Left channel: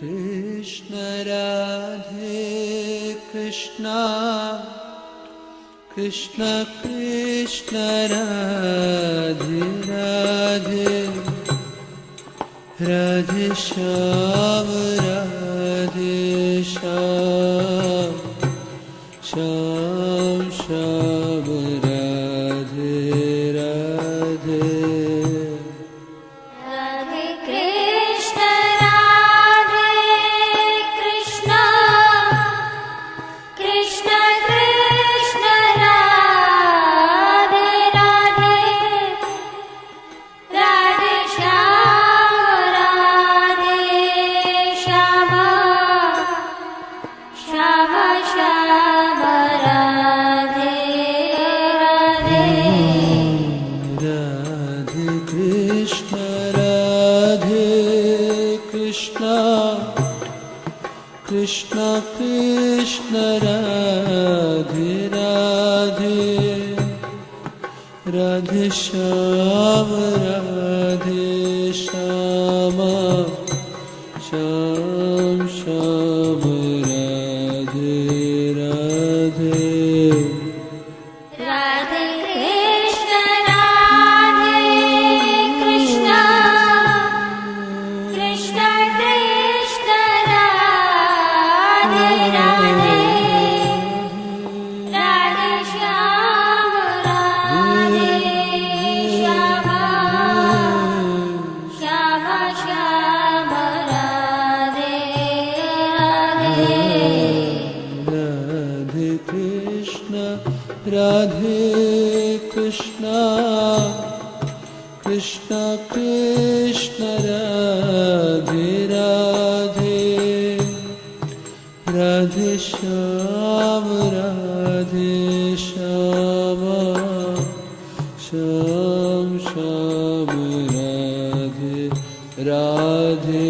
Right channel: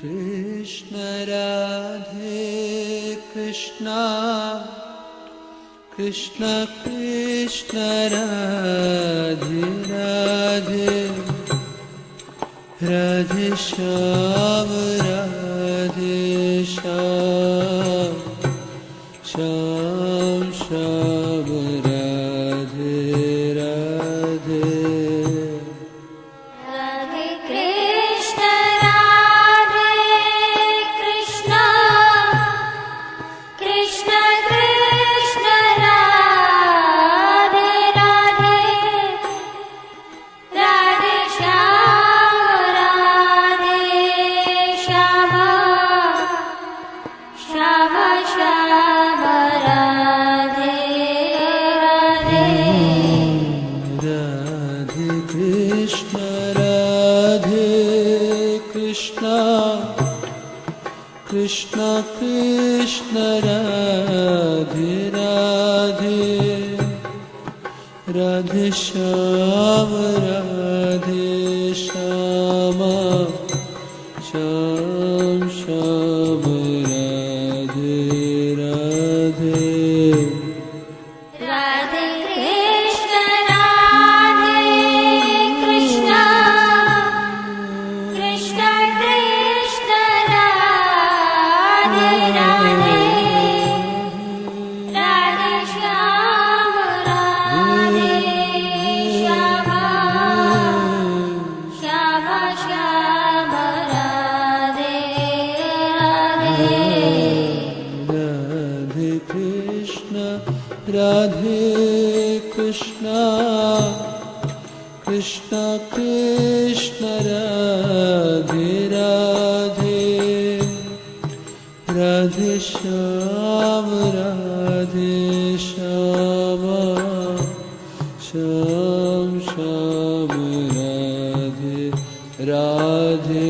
Krishna Radhe Krishna Krishna Krishna Radhe Radhe Radhe Shyam Radhe Shyam Shyam Shyam Radhe Radhe Radhe Krishna Radhe Krishna Krishna Krishna Radhe Radhe Radhe Shyam Radhe Shyam Shyam Shyam Radhe Radhe Radhe Krishna Radhe Krishna Krishna Krishna Radhe Radhe Radhe Shyam Radhe Shyam Shyam Shyam Radhe Radhe Radhe Krishna Radhe Krishna Krishna Krishna Radhe Radhe Radhe Shyam Radhe Shyam Shyam Shyam Radhe Radhe Radhe Krishna Radhe Krishna Krishna Krishna Radhe Radhe Radhe Shyam Radhe Shyam Shyam Shyam Radhe Radhe